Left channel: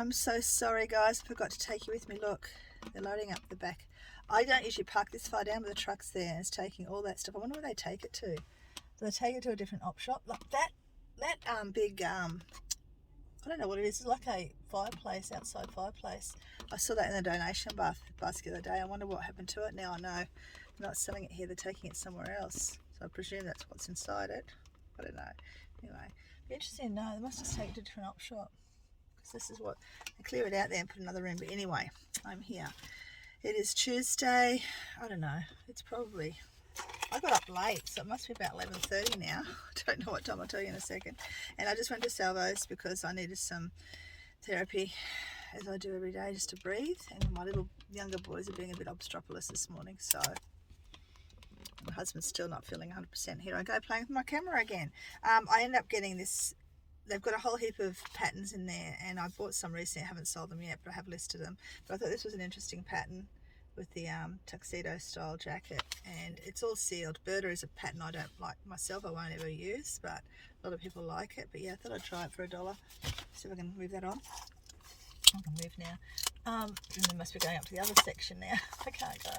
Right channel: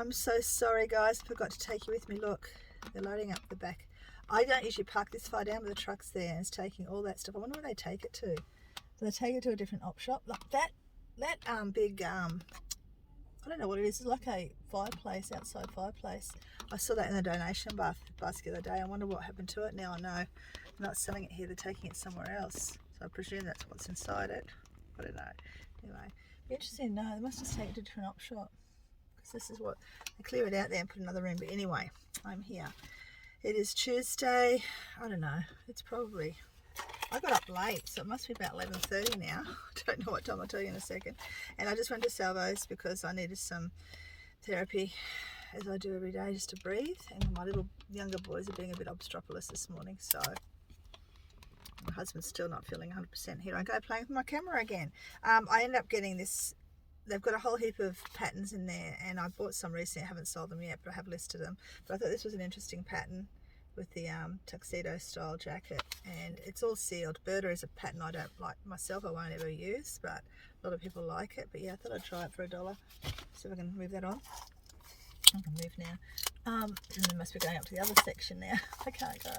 I'm so sorry, guys. I forgot to take you with me. Look, they're loading up the back. I don't usually park this far down, but the truck's there and it's taking all that stuff. I wonder where they take it to. Do they take it to a different op shop? Like that big, I don't know what it is. It's like a fireplace, outside fireplace. I saw that in the donation basket the other day. I wonder what happened to it. Now I know. They're not selling it here. They're taking it somewhere else. So I presume that's what's inside it. I don't know. Anyway, be interesting to know. They must just take it to a different op shop. Because this is what, they clear it out there and put another in. But anyway, I'm here. It is Tuesday. I don't know. It's probably, I got up late, so it must be about 11:30 now. I don't know what time. I'll tell you in a second. And I just went to Salvo's because I needed some therapy, as I do every day, just to breathe. And my little younger boys are being a bit obstropolous this morning, so my husband's still not feeling 100%. Here I go playing with my camera again. I ended up getting this. They've got a whole heap of patterns in there, and I bought some recently. I haven't sold them yet, but I have listed them. But I thought this was an interesting pattern with the tuxedo style jacket, and it's all sealed. Berta is a pattern I don't like myself. I won't ever use, but a lot of people like it. But yeah, I thought I'd try it for $1. See if I can move that on. I can move now. And they must be going up to the other section now. I can't go.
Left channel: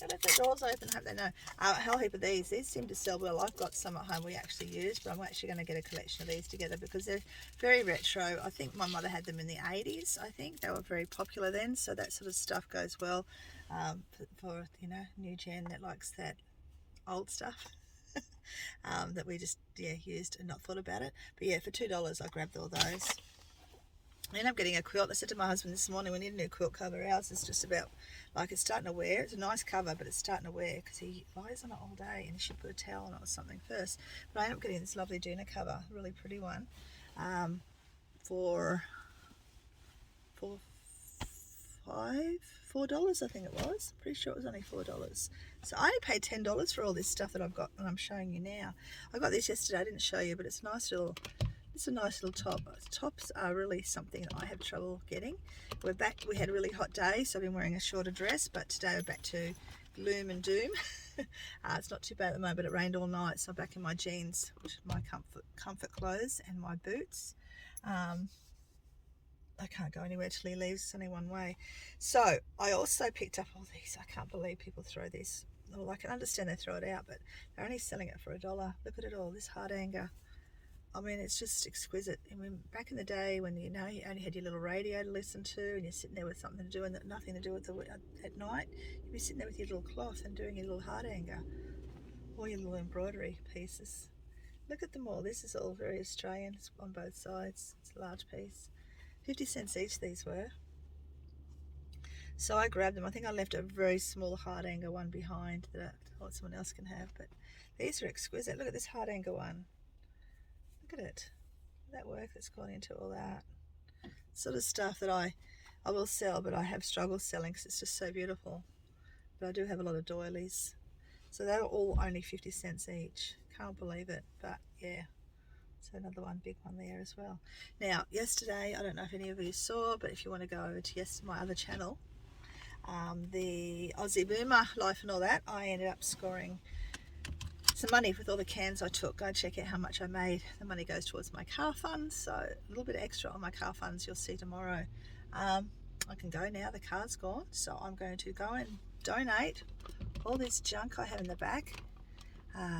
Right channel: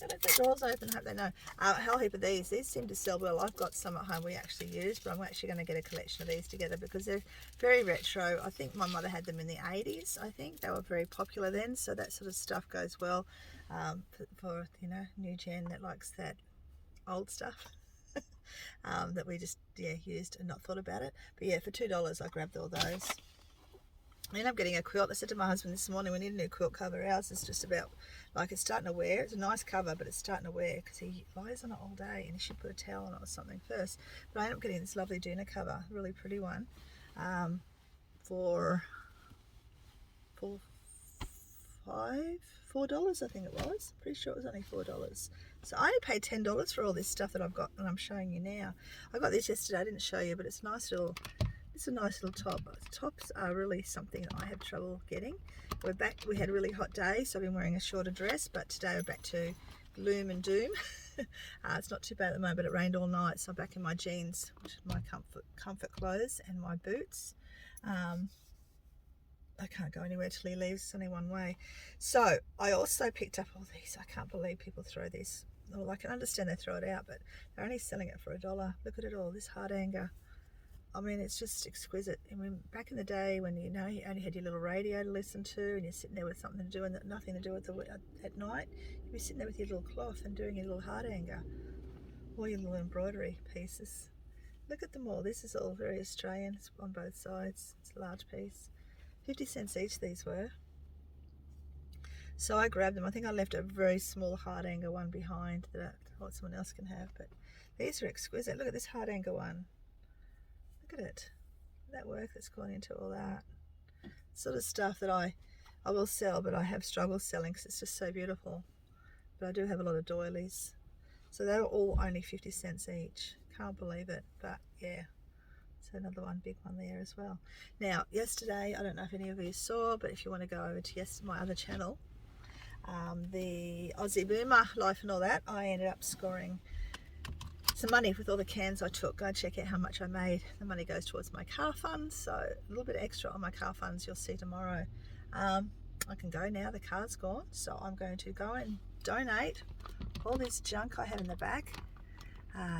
Let the doors open. I hope they know. A whole heap of these. These seem to sell well. I've got some at home we actually use, but I'm actually going to get a collection of these together because they're very retro. I think my mother had them in the 80s. I think they were very popular then, so that sort of stuff goes well for you know, new gen that likes that old stuff. That we just used and not thought about it. But yeah, for $2 I grabbed all those. I ended up getting a quilt. I said to my husband this morning, we need a new quilt cover. Ours is just about, like, it's starting to wear. It's a nice cover, but it's starting to wear because he lies on it all day, and he should put a towel on it or something first. But I ended up getting this lovely Duna cover, really pretty one, for $4 I think it was. Pretty sure it was only $4. So I only paid $10 for all this stuff that I've got, and I'm showing you now. I got this yesterday. I didn't show you, but it's a nice little. It's a nice little top. Tops are really something that I have trouble getting. We're back. We had a really hot day, so I've been wearing a shorter dress, but today we're back to gloom and doom. It's not too bad at the moment, but it rained all night, so I'm back in my jeans, which is my comfort clothes, and my boots. I can't go anywhere till he leaves. It's only one way. So I also picked up all these. I can't believe people throw this. Well, I can understand they throw it out, but they're only selling it for $1. Look at it all. This heart anger. I mean, it's just exquisite. I mean, back in the day when, you know, you only had your little radio to listen to and you're sitting there with something to do and nothing to do with at night, you'd be sitting there with your little cloth and doing your little heart anger or your little embroidery pieces. Look at them all. This is all very Australian. It's on both sides. It's a large piece. 50 cents each these were. So I grabbed them. I think I left a very small heart anger one behind that I thought someone else can have. But these are exquisite. Look at this heart anger one. Look at it, that work that's gone into all that sort of stuff that I will sell, but I have struggled selling because it's just so beautiful. But I do have a lot of doilies, so they're all only 50 cents each. Can't believe it, but yeah. So another one, big one there as well. Now yesterday, I don't know if any of you saw, but if you want to go over to my other channel, the Aussie Boomer life and all that, I ended up scoring some money with all the cans I took. Go check out how much I made. The money goes towards my car funds, so a little bit extra on my car funds you'll see tomorrow. I can go now, the car's gone, so I'm going to go and donate all this junk I have in the back,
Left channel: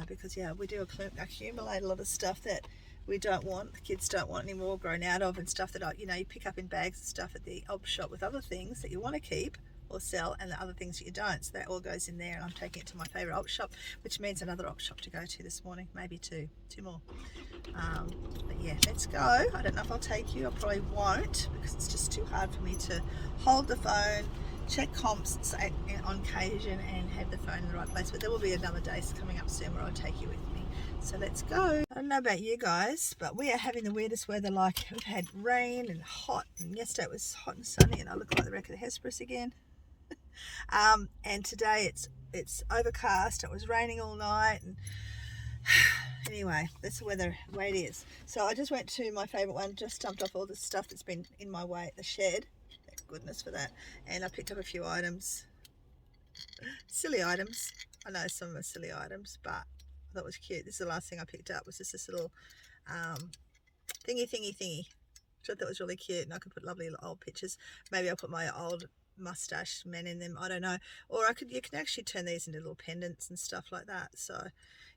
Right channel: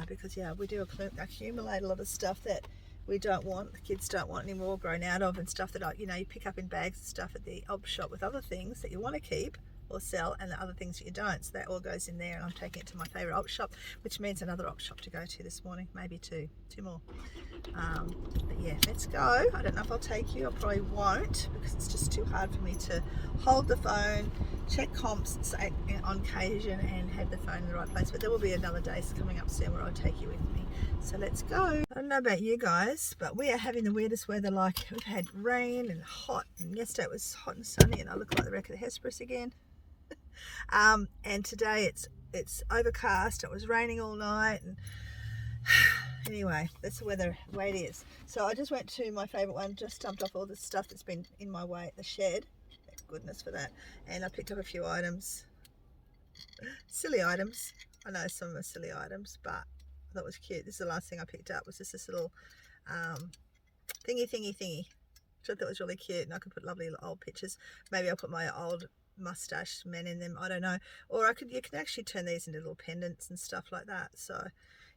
because yeah, we do accumulate a lot of stuff that we don't want, the kids don't want anymore, grown out of, and stuff that you pick up in bags and stuff at the op shop with other things that you want to keep or sell, and the other things that you don't. So that all goes in there, and I'm taking it to my favorite op shop, which means another op shop to go to this morning, maybe two more. But yeah, let's go. I don't know if I'll take you. I probably won't, because it's just too hard for me to hold the phone, check comps on occasion, and have the phone in the right place. But there will be another day coming up soon where I'll take you with me. So let's go. I don't know about you guys, but we are having the weirdest weather. Like, we've had rain and hot, and yesterday it was hot and sunny, and I look like the wreck of the Hesperus again. And today it's overcast. It was raining all night, and anyway, that's the weather way it is. So I just went to my favorite one, just dumped off all the stuff that's been in my way at the shed. Thank goodness for that. And I picked up a few items, silly items. I know some of them are silly items, but I thought it was cute. This is the last thing I picked up, was just this little thingy. which I thought was really cute, and I could put lovely old pictures. Maybe I'll put my old mustache men in them, I don't know. Or you can actually turn these into little pendants and stuff like that. So,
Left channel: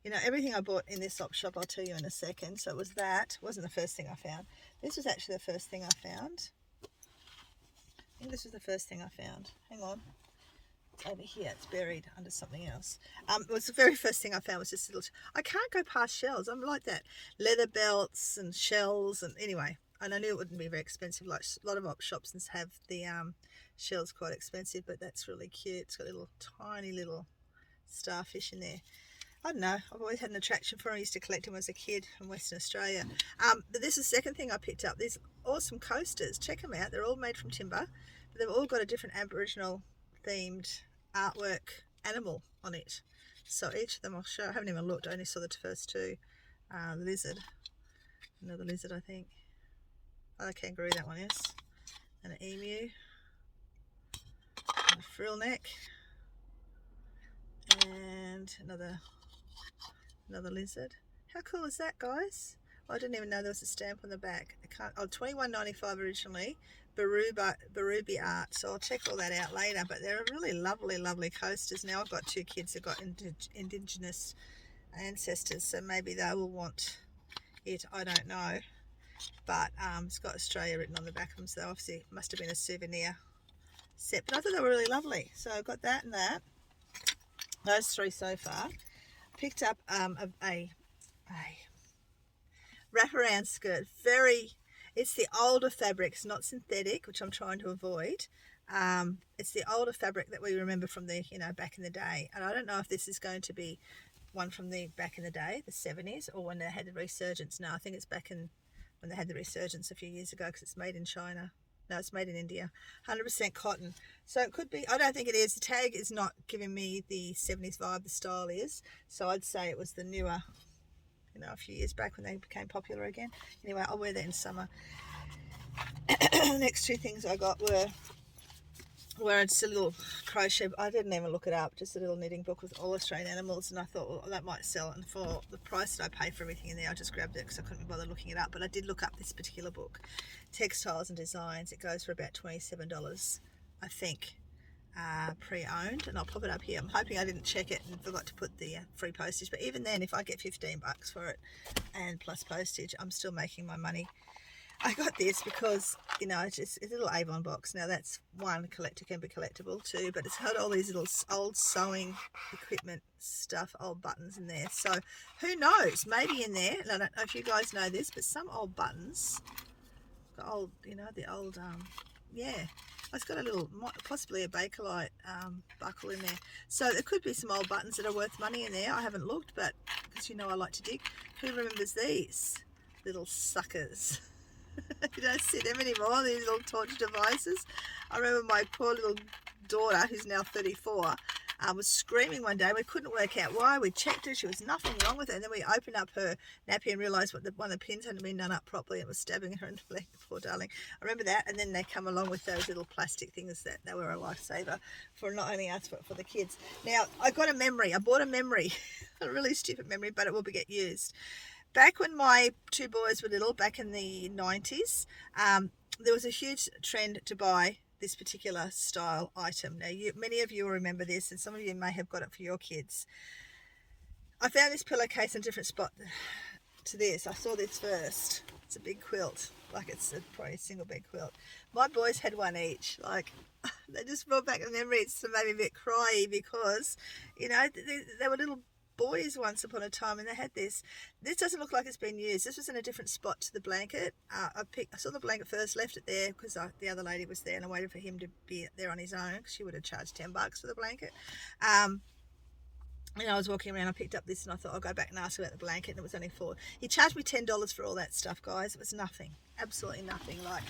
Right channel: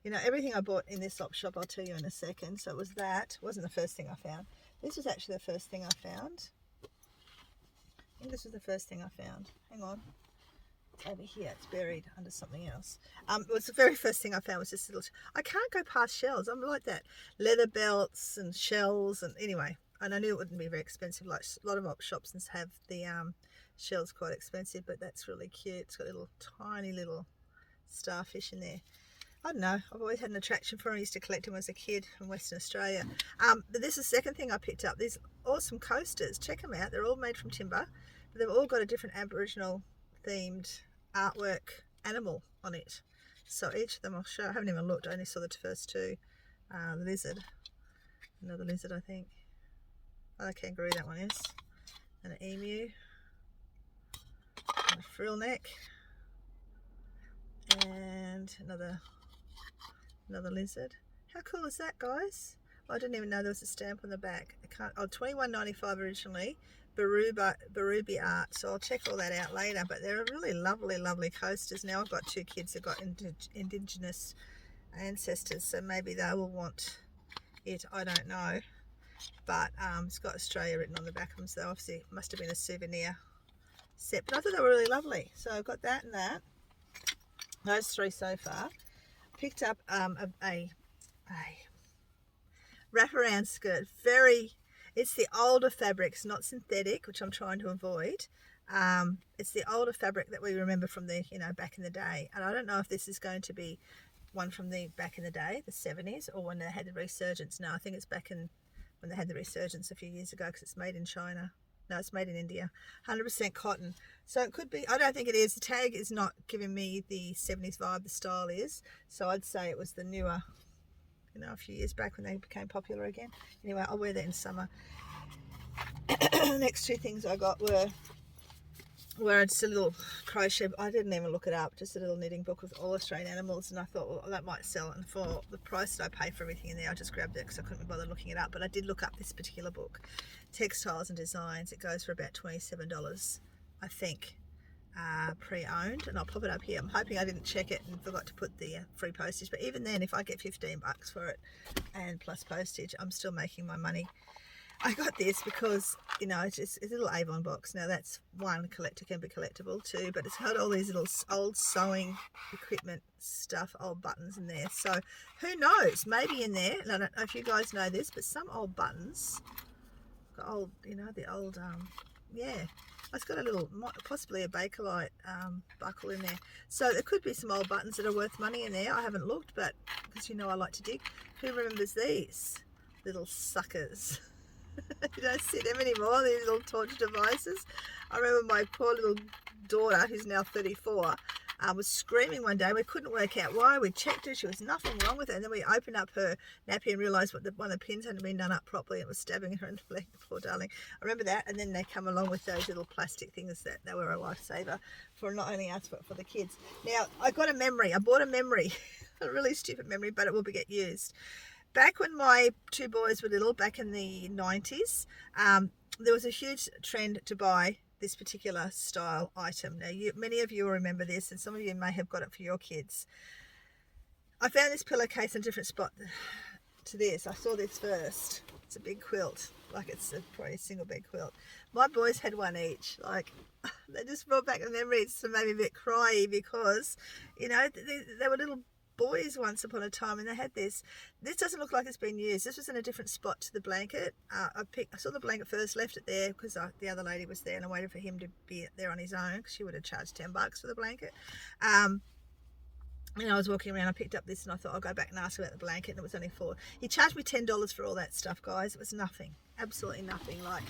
you know, everything I bought in this op shop, I'll tell you in a second. So it was that. It wasn't the first thing I found. This was actually the first thing I found. I think this was the first thing I found. Hang on. It's over here. It's buried under something else. It was the very first thing I found was this little... I can't go past shells. I'm like that. Leather belts and shells. And anyway, and I knew it wouldn't be very expensive. Like a lot of op shops have the shells quite expensive, but that's really cute. It's got little tiny little starfish in there. I don't know, I've always had an attraction for them. I used to collect them as a kid from Western Australia. But this is the second thing I picked up. These awesome coasters. Check them out. They're all made from timber, but they've all got a different Aboriginal themed artwork animal on it. So each of them I'll show. I haven't even looked. I only saw the first two. Lizard. Another lizard, I think. Oh, a kangaroo, that one is. And an emu. And a frill neck. And another lizard. How cool is that, guys? I didn't even know there was a stamp on the back. I can't. Oh, $21.95 originally. Barubi art. So I'll check all that out later. But they're really lovely coasters. Now I've got two kids that got indigenous ancestors, so maybe they will want it. I don't know. But it's got Australia written on the back of them, so obviously it must have been a souvenir set. But I thought they were really lovely. So I've got that and that. Those three so far. Picked up a wraparound skirt. It's the older fabrics, not synthetic, which I'm trying to avoid. It's the older fabric that we remember from the, back in the day. And I don't know if this is going to be one from the back in the day, the 70s, or when they had the resurgence. No, I think it's back in when they had the resurgence a few years ago, because it's made in China. No, it's made in India. 100% cotton. So it could be, I don't think it is. The tag is not giving me the 70s vibe, the style is. So I'd say it was the newer, a few years back when they became popular again. Anyway, I'll wear that in summer. The next two things I got were just a little crochet. I didn't even look it up. Just a little knitting book with all Australian animals. And I thought, well, that might sell. And for the price that I pay for everything in there, I just grabbed it because I couldn't be bothered looking it up. But I did look up this particular book. Textiles and Designs. It goes for about $27, I think, pre-owned, and I'll pop it up here. I'm hoping I didn't check it and forgot to put the free postage, but even then, if I get $15 for it and plus postage, I'm still making my money. I got this because, it's a little Avon box. Now that's one, can be collectible too, but it's got all these little old sewing equipment stuff, old buttons in there. So who knows, maybe in there, and I don't know if you guys know this, but some old buttons, old, the old, it's got a little, possibly a Bakelite buckle in there. So there could be some old buttons that are worth money in there. I haven't looked, but because I like to dig. Who remembers these little suckers? You don't see them anymore, these little torture devices. I remember my poor little daughter, who's now 34, was screaming one day. We couldn't work out why. We checked her, she was nothing wrong with her, and then we opened up her nappy and realised one of the pins hadn't been done up properly. It was stabbing her in the leg, poor darling. I remember that. And then they come along with those little plastic things that they were a lifesaver for not only us but for the kids. Now I bought a memory a really stupid memory, but it will get used. Back when my two boys were little, back in the 90s, there was a huge trend to buy this particular style item. Now, many of you will remember this, and some of you may have got it for your kids. I found this pillowcase in a different spot to this. I saw this first. It's a big quilt, like it's probably a single bed quilt. My boys had one each. Like, they just brought back the memories and made me a bit cryy because, they were little boys once upon a time, and they had this. This doesn't look like it's been used. This was in a different spot to the blanket. I saw the blanket first, left it there because the other lady was there, and I waited for him to be there on his own because she would have charged $10 for the blanket. And I was walking around, I picked up this, and I thought I'll go back and ask about the blanket, and it was only $4. He charged me $10 for all that stuff, guys. It was nothing, absolutely nothing. Like,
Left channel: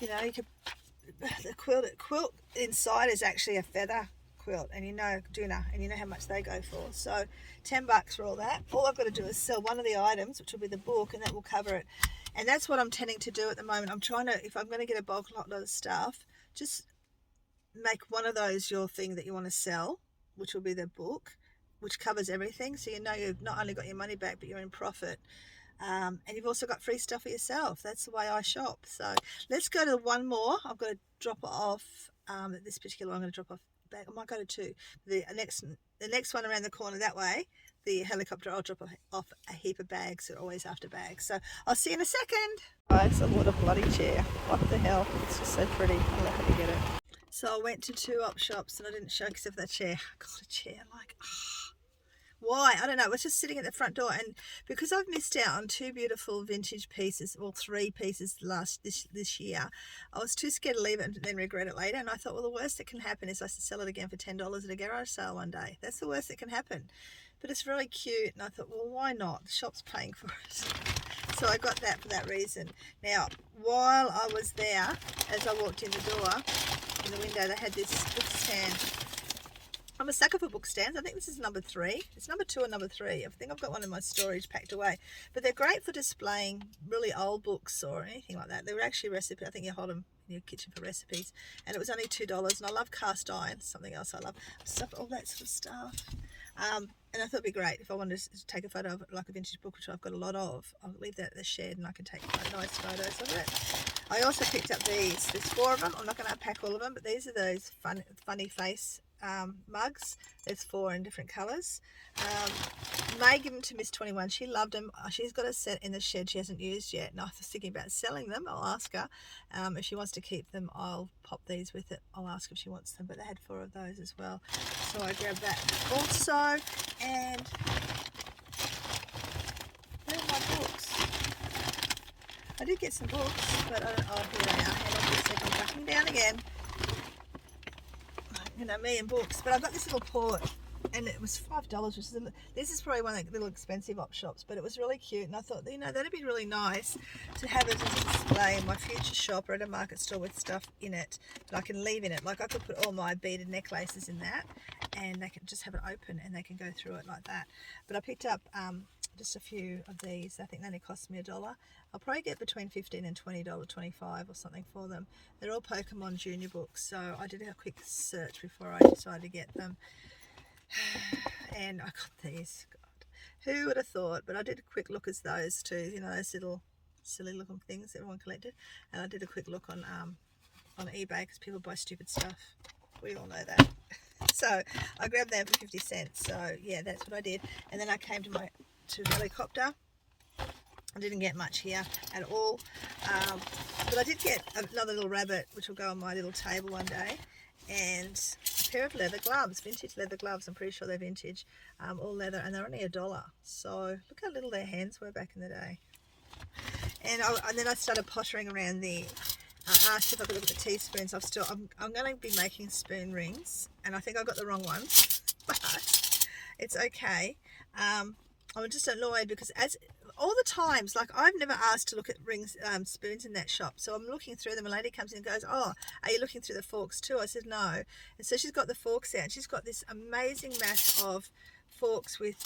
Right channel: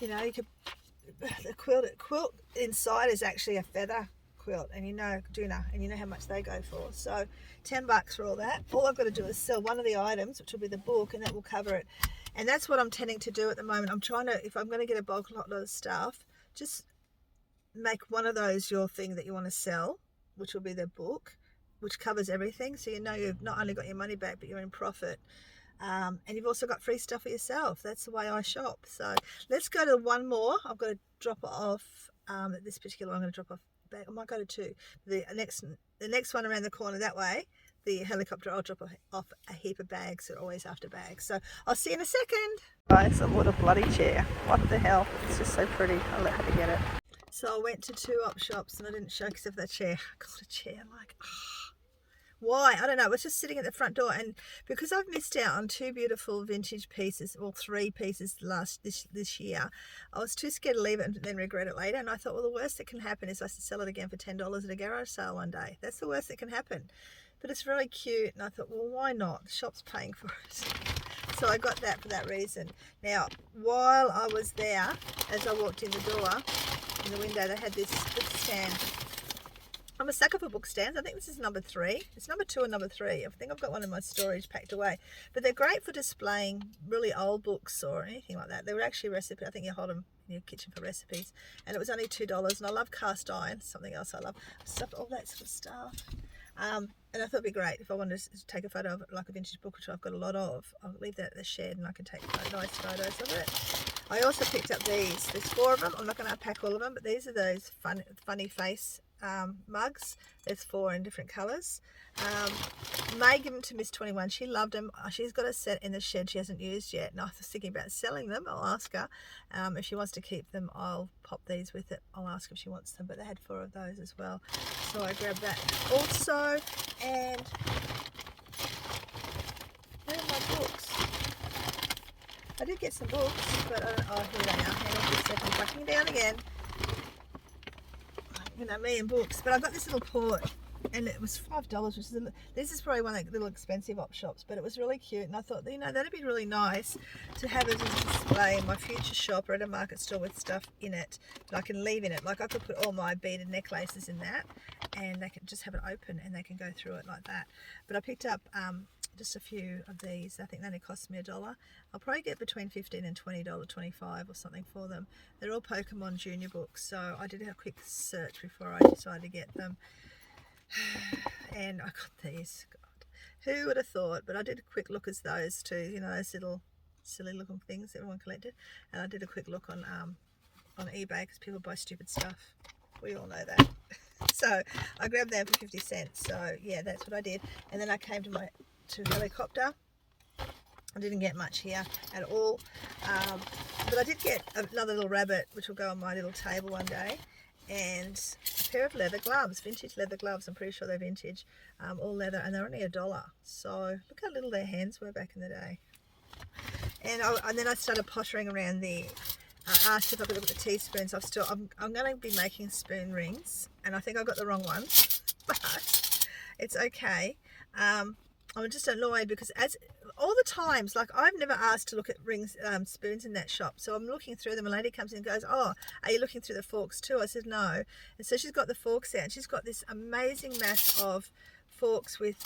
you could, the quilt inside is actually a feather quilt, and Duna, and you know how much they go for. So $10 for all that. All I've got to do is sell one of the items, which will be the book, and that will cover it. And that's what I'm tending to do at the moment. I'm trying to, if I'm going to get a bulk lot of stuff, just make one of those your thing that you want to sell, which will be the book, which covers everything. So you've not only got your money back, but you're in profit. And you've also got free stuff for yourself. That's the way I shop. So let's go to one more. I've got to drop it off. This particular one I'm going to drop off back. I might go to two. The next one around the corner that way, the helicopter, I'll drop off a heap of bags. They're always after bags. So I'll see you in a second. Guys, I bought a bloody chair. What the hell? It's just so pretty. I'll let her get it. So I went to 2 op shops and I didn't show because of the chair. I got a chair like, why? I don't know. It was just sitting at the front door, and because I've missed out on 2 beautiful vintage pieces, or 3 pieces this year, I was too scared to leave it and then regret it later. And I thought, well, the worst that can happen is I sell it again for $10 at a garage sale one day. That's the worst that can happen. But it's really cute, and I thought, well, why not? The shop's paying for it. So I got that for that reason. Now, while I was there, as I walked in the door, in the window, they had this book stand. I'm a sucker for book stands. I think this is number 3. It's number 2 and number 3. I think I've got one in my storage packed away. But they're great for displaying really old books or anything like that. They were actually recipe. I think you hold them in your kitchen for recipes. And it was only $2. And I love cast iron, something else I love. Stuff, all that sort of stuff. And I thought it'd be great if I wanted to take a photo of it, like a vintage book, which I've got a lot of. I'll leave that at the shed and I can take nice photos of it. I also picked up these. There's 4 of them. I'm not going to unpack all of them, but these are those funny face mugs. There's 4 in different colours. May give them to Miss 21. She loved them. She's got a set in the shed she hasn't used yet, and I was thinking about selling them. I'll ask her if she wants to keep them. I'll pop these with it. I'll ask if she wants them, but they had 4 of those as well, so I grabbed that also. And where are my books? I did get some books, but here they are. Hang on just a second. I'm backing down again. You know, me and books. But I got this little port, and it was $5, which is this is probably one of the little expensive op shops, but it was really cute, and I thought, you know, that'd be really nice to have it as a display in my future shop or at a market store with stuff in it that I can leave in it. Like I could put all my beaded necklaces in that, and they can just have it open and they can go through it like that. But I picked up just a few of these. I think they only cost me $1. I'll probably get between $15 and $20, $25 or something for them. They're all Pokemon Junior books, so I did a quick search before I decided to get them. And I got these. God, who would have thought? But I did a quick look at those too. You know, those little silly looking things everyone collected. And I did a quick look on eBay because people buy stupid stuff. We all know that. So I grabbed them for 50 cents. So yeah, that's what I did. And then I came to the helicopter. I didn't get much here at all, but I did get another little rabbit which will go on my little table one day, and a pair of leather gloves, vintage leather gloves. I'm pretty sure they're vintage, all leather, and they're only $1. So look how little their hands were back in the day. And then I started pottering around I asked if I could look at the teaspoons. I'm going to be making spoon rings, and I think I got the wrong ones, but it's okay. I'm just annoyed because as all the times, like I've never asked to look at rings, spoons in that shop. So I'm looking through them. A lady comes in and goes, "Oh, are you looking through the forks too?" I said, "No." And so she's got the forks out. And she's got this amazing mass of forks with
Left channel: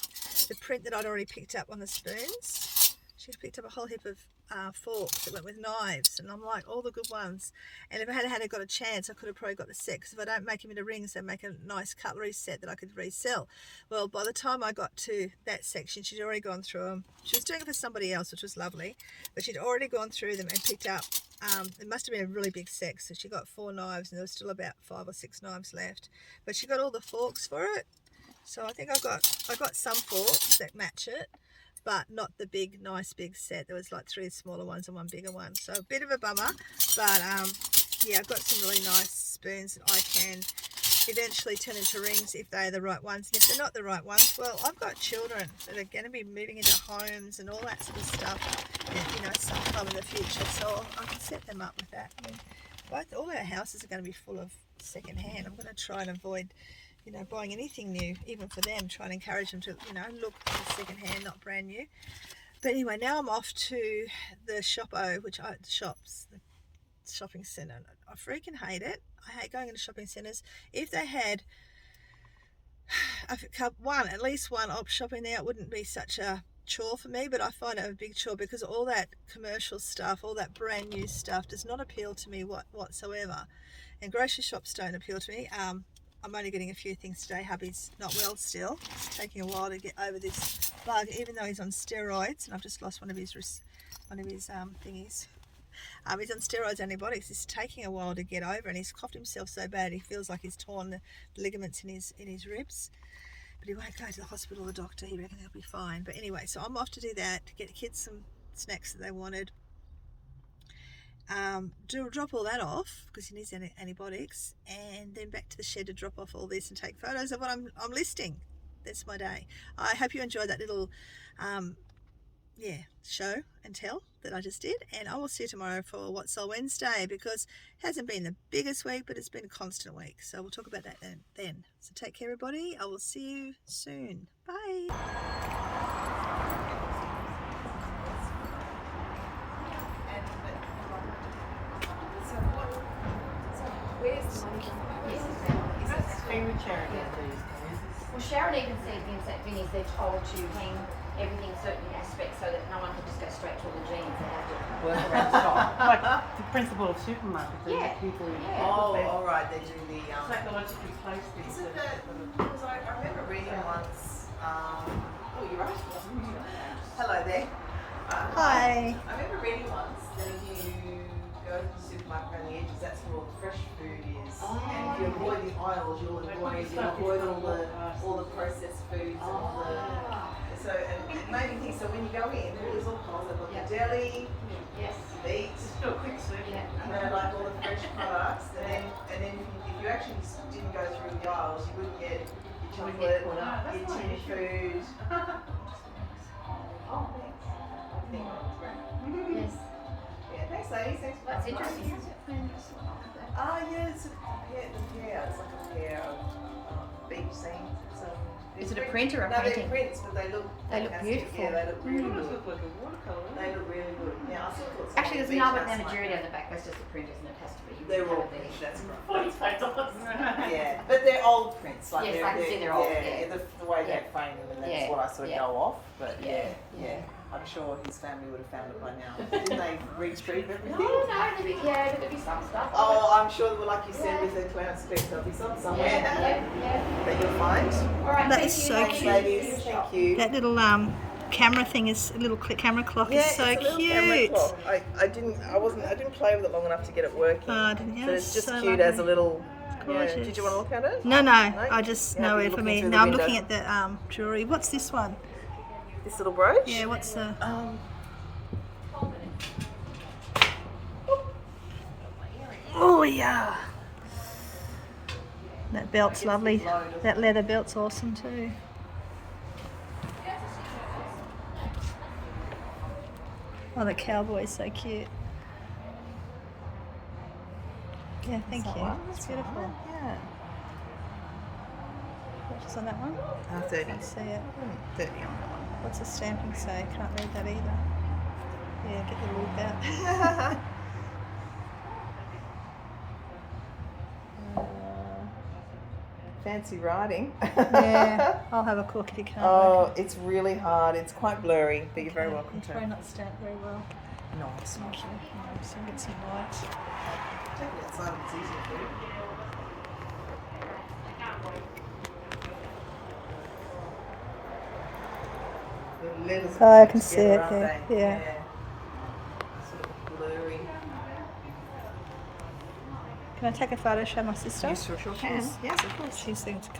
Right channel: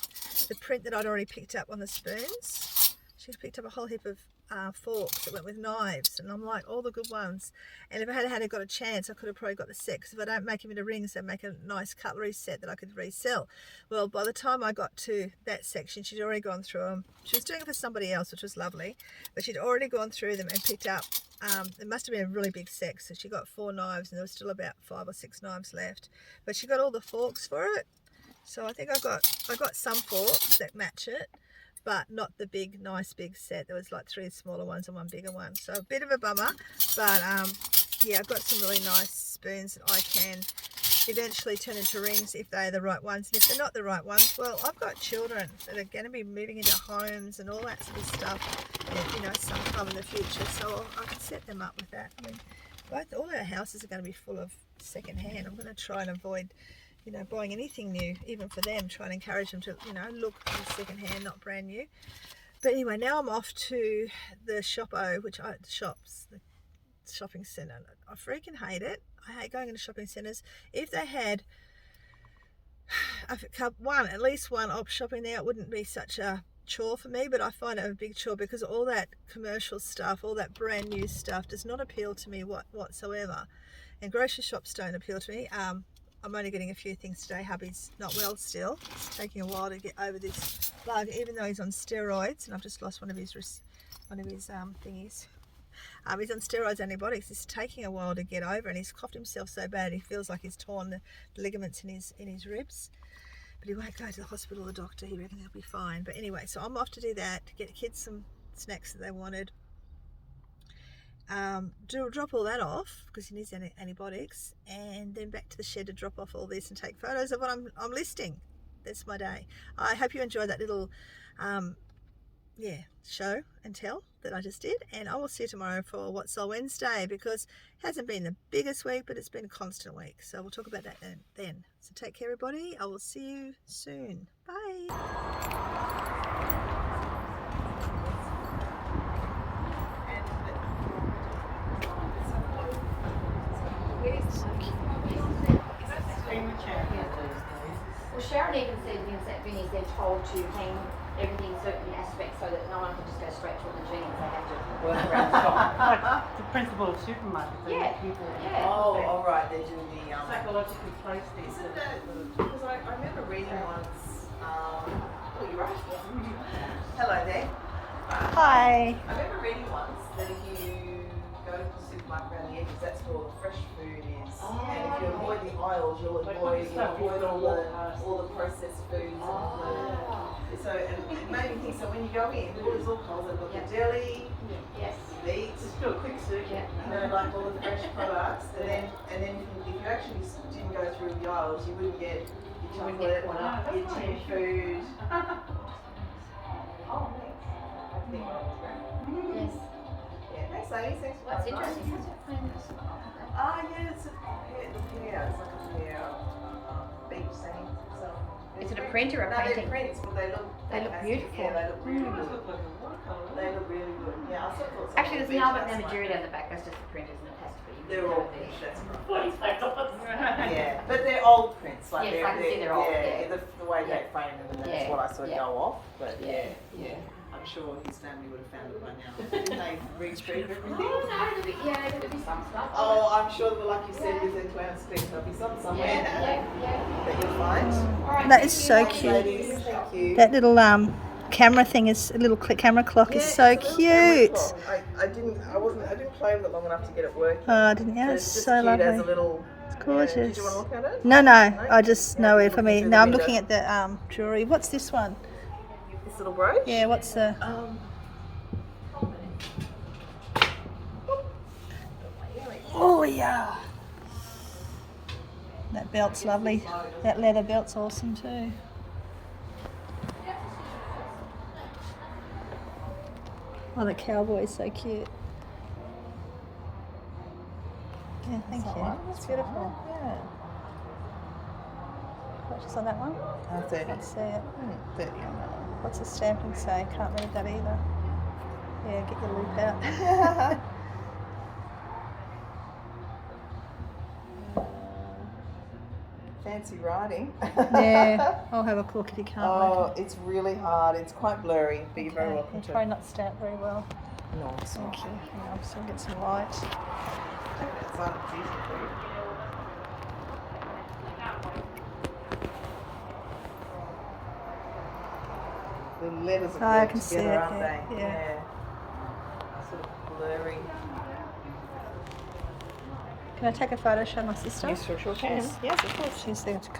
the print that I'd already picked up on the spoons. She's picked up a whole heap of forks that went with knives, and I'm like, all the good ones. And if I had got a chance, I could have probably got the set, because if I don't make them into rings, they make a nice cutlery set that I could resell. Well, by the time I got to that section, she'd already gone through them. She was doing it for somebody else, which was lovely, but she'd already gone through them and picked up, it must have been a really big set, so she got 4 knives, and there was still about 5 or 6 knives left, but she got all the forks for it. So I think I got some forks that match it, but not the big, nice big set. There was like 3 smaller ones and 1 bigger one. So a bit of a bummer, but yeah, I've got some really nice spoons that I can eventually turn into rings if they're the right ones. And if they're not the right ones, well, I've got children that are going to be moving into homes and all that sort of stuff, and, you know, sometime in the future. So I can set them up with that. I mean, all our houses are going to be full of secondhand. I'm going to try and avoid, you know, buying anything new, even for them, trying to encourage them to, you know, look second hand, not brand new. But anyway, now I'm off to the the shopping centre. I freaking hate it. I hate going into shopping centres. If they had at least one op shop in there, it wouldn't be such a chore for me, but I find it a big chore because all that commercial stuff, all that brand new stuff does not appeal to me whatsoever. And grocery shops don't appeal to me. I'm only getting a few things today. Hubby's not well still. It's taking a while to get over this bug, even though he's on steroids, and I've just lost one of his thingies. He's on steroids, antibiotics. It's taking a while to get over, and he's coughed himself so bad he feels like he's torn the ligaments in his ribs. But he won't go to the hospital, the doctor. He reckons he'll be fine. But anyway, so I'm off to do that, to get the kids some snacks that they wanted. Drop all that off because he needs antibiotics, and then back to the shed to drop off all this and take photos of what I'm listing. That's my day. I hope you enjoyed that little show and tell that I just did, and I will see you tomorrow for What Sold Wednesday, because it hasn't been the biggest week, but it's been a constant week, so we'll talk about that then. So take care, everybody. I will see you soon. Bye. Well, Sharon even said that Vinnie's they're told to hang everything certain aspects so that no one can just go straight to the jeans. They have to work around the shop. Like the principal of supermarket. Yeah. People, Oh, all right. They do the psychologically placed things. Isn't that? Because I remember reading once. Oh, you're right. Hello there. Hi. I remember reading once that if you go to the supermarket around the edges, that's where all the fresh food is. And if you avoid the aisles, you'll avoid all the processed foods. So it made me think. So when you go in, all these little holes, they've got the deli, Yes. meat, Just do a quick search. like all the fresh products, and then if you actually didn't go through the aisles, you wouldn't get your chocolate, your tin food. Oh, thanks. I think one was great. Yes. Yeah, thanks, ladies. Thanks for That's coming by. interesting. What's it playing? Yeah, it's a pear. It's like a pair of beach scenes. So Is it a print or a no, painting? they're prints, but they look fantastic. beautiful. Yeah, they look really good. Look like a watercolor. They look really good. Yeah, I sort of thought some Actually, of there's the an beach Albert house Nigeria might- down the back. That's just the print, isn't it? It has to be. They're all prints, that's right. $45. Yeah, but they're old prints. Like Yes, I can see they're old, yeah. The way they frame them, and that's Yeah, what I sort of yeah. go off. But yeah. I'm sure his family would have found it by now. Didn't they retrieve everything? Oh no, there'd be some stuff. Oh, I'm sure that, like you said, with the 2 ounce speed, there'll be some somewhere Yeah. that you'll find. All right. That thank is you. so Thank cute. Ladies, thank you. That little camera thing is a little camera clock is so it's a little camera cute. clock. I didn't play with it long enough to get it working. Oh, didn't you? So It's it's just so cute lovely. as a little. It's Yeah. gorgeous. Did you want to look at it? No, I just know it for me. Looking No, through I'm the looking at the jewelry. What's this one? This little brooch? Yeah, what's the? Oh yeah. That belt's lovely. That leather belt's awesome too. Oh, the cowboy's so cute. Yeah, thank you. It's beautiful. Yeah. Purchase on that one? 30. Can't see it. 30 on that one. What's the stamping say? Can't read that either. Yeah, get your loop out. Fancy writing. Yeah, I'll have a look if you can't work Oh, it's really hard. It's quite blurry, but you're it. very Okay, welcome it's to. probably not stamped very well. No, it's not. Thank you. Hang on, just gonna get some light. It's like it's easy for you. The letters Oh, I are can see together, it aren't there, they? yeah. Sort of blurry. Can I take a photo, show my sister? You sure can. Yes, of course. She's going to